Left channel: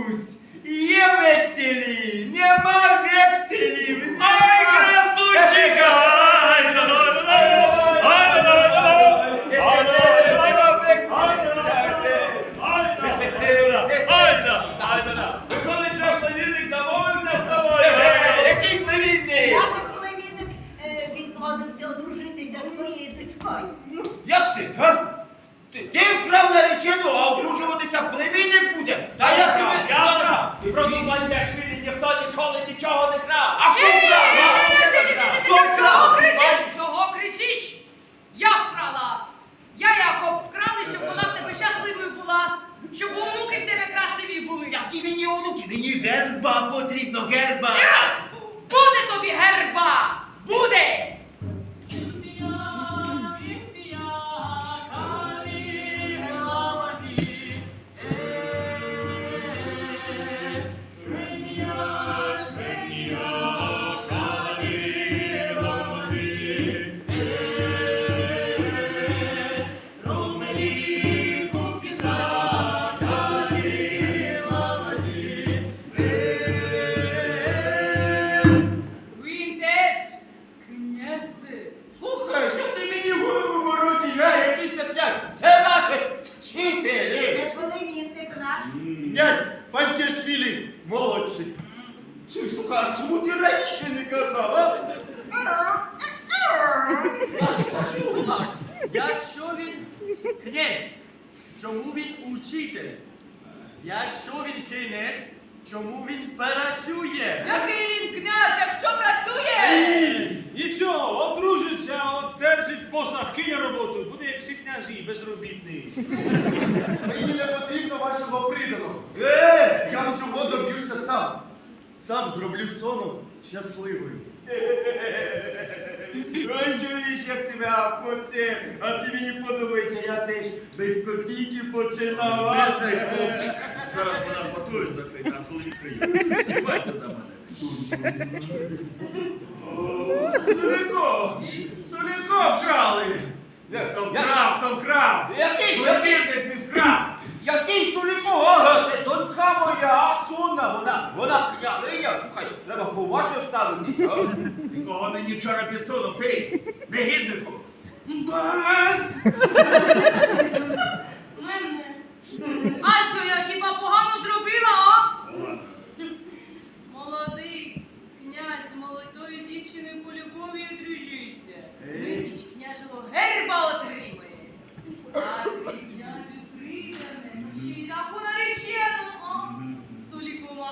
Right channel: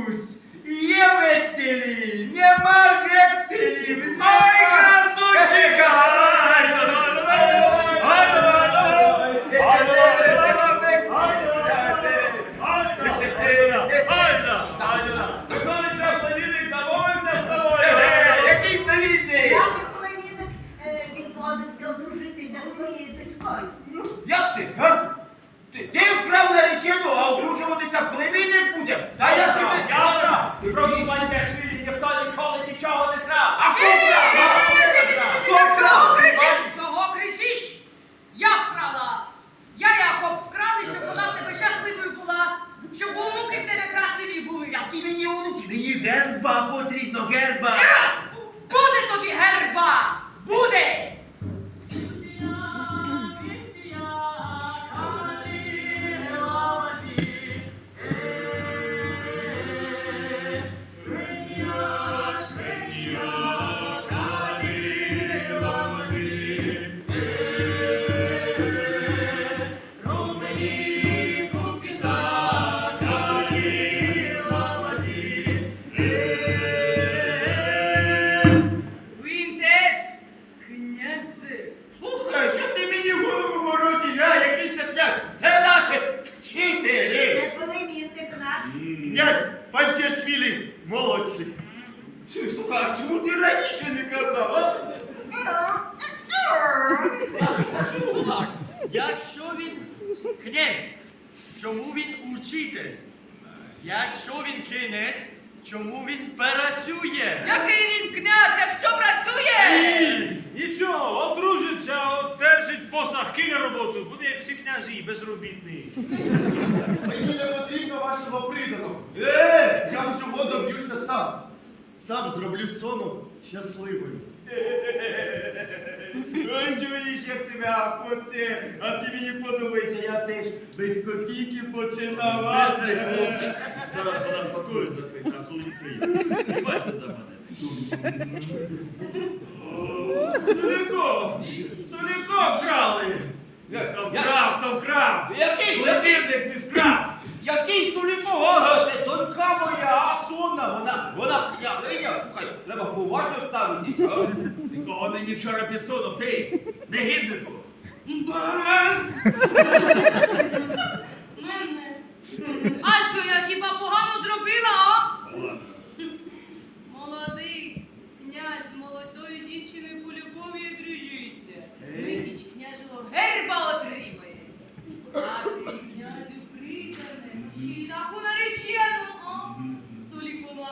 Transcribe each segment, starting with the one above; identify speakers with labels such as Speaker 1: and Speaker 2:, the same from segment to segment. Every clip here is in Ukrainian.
Speaker 1: Ісус, є веселі, нема векселів.
Speaker 2: Ай, красунчика! Ай, да, да, да, да! Ай, да, да! Ай, да, да, да, да! Ай, да, да, да, да! Ай, да, ай, ай, да, да! Виходить, на планетик домовився з тобою!
Speaker 1: Який племінник?
Speaker 3: Наш племінник е, він погодився одружитися з моєю дочкою.
Speaker 1: Як це, га? Ти, ти вкрав наречену, а одружуватися племінник буде? Та я тебе...
Speaker 2: Я Просто Бандяшвілі ніхто ніколи нічого не крав!
Speaker 1: А хто? Хто
Speaker 4: Чого кричиш? Чого кричиш? Я вкрала. Я Якоб вкрали, щоб вона в тебе щасливою була, щоб онуки в тебе красиві були.
Speaker 1: Які мені онуки? Мені герба потрібно, герба. Вчителі.
Speaker 3: Це племінник наш.
Speaker 1: Князь Пантяшвілі молодший. Слухай, Слухай, а чому ти раніше не казав, а?
Speaker 5: Так, якщо він князь, чому він учитель? Якщо він князь, чому він працює?
Speaker 6: Який він князь, якщо працює?
Speaker 2: Нічого, одружиться, одержить посаг, кине роботу, буде як всі князі, безробітний.
Speaker 7: Мені не потрібно вашого приданого. Е, я всього доб'юся сам. Сам зроблю сону щасливою.
Speaker 1: Ой, чуєш, як тебе апоте, а ти мені подобаєшся, я теж без копійки починав. а?
Speaker 2: Зараз вона фотує закрита, а коли не Бачите за мене. Соліко! Соліко вкрали! Хто вкрав, хто вкрав!
Speaker 1: Який?
Speaker 2: Племінник не вкрав!
Speaker 1: Який Суліко? Ага, це донька моя, сонна, вона, вона княгиня. Слухай, треба поважно ставитися. а?
Speaker 2: Кого мені вчора підсунув, ти, негіднику!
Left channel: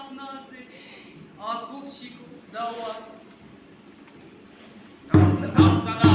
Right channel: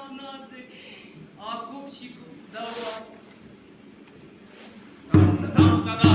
Speaker 4: Махнадцять, а купчику давай.
Speaker 5: Там-та-там-та-да.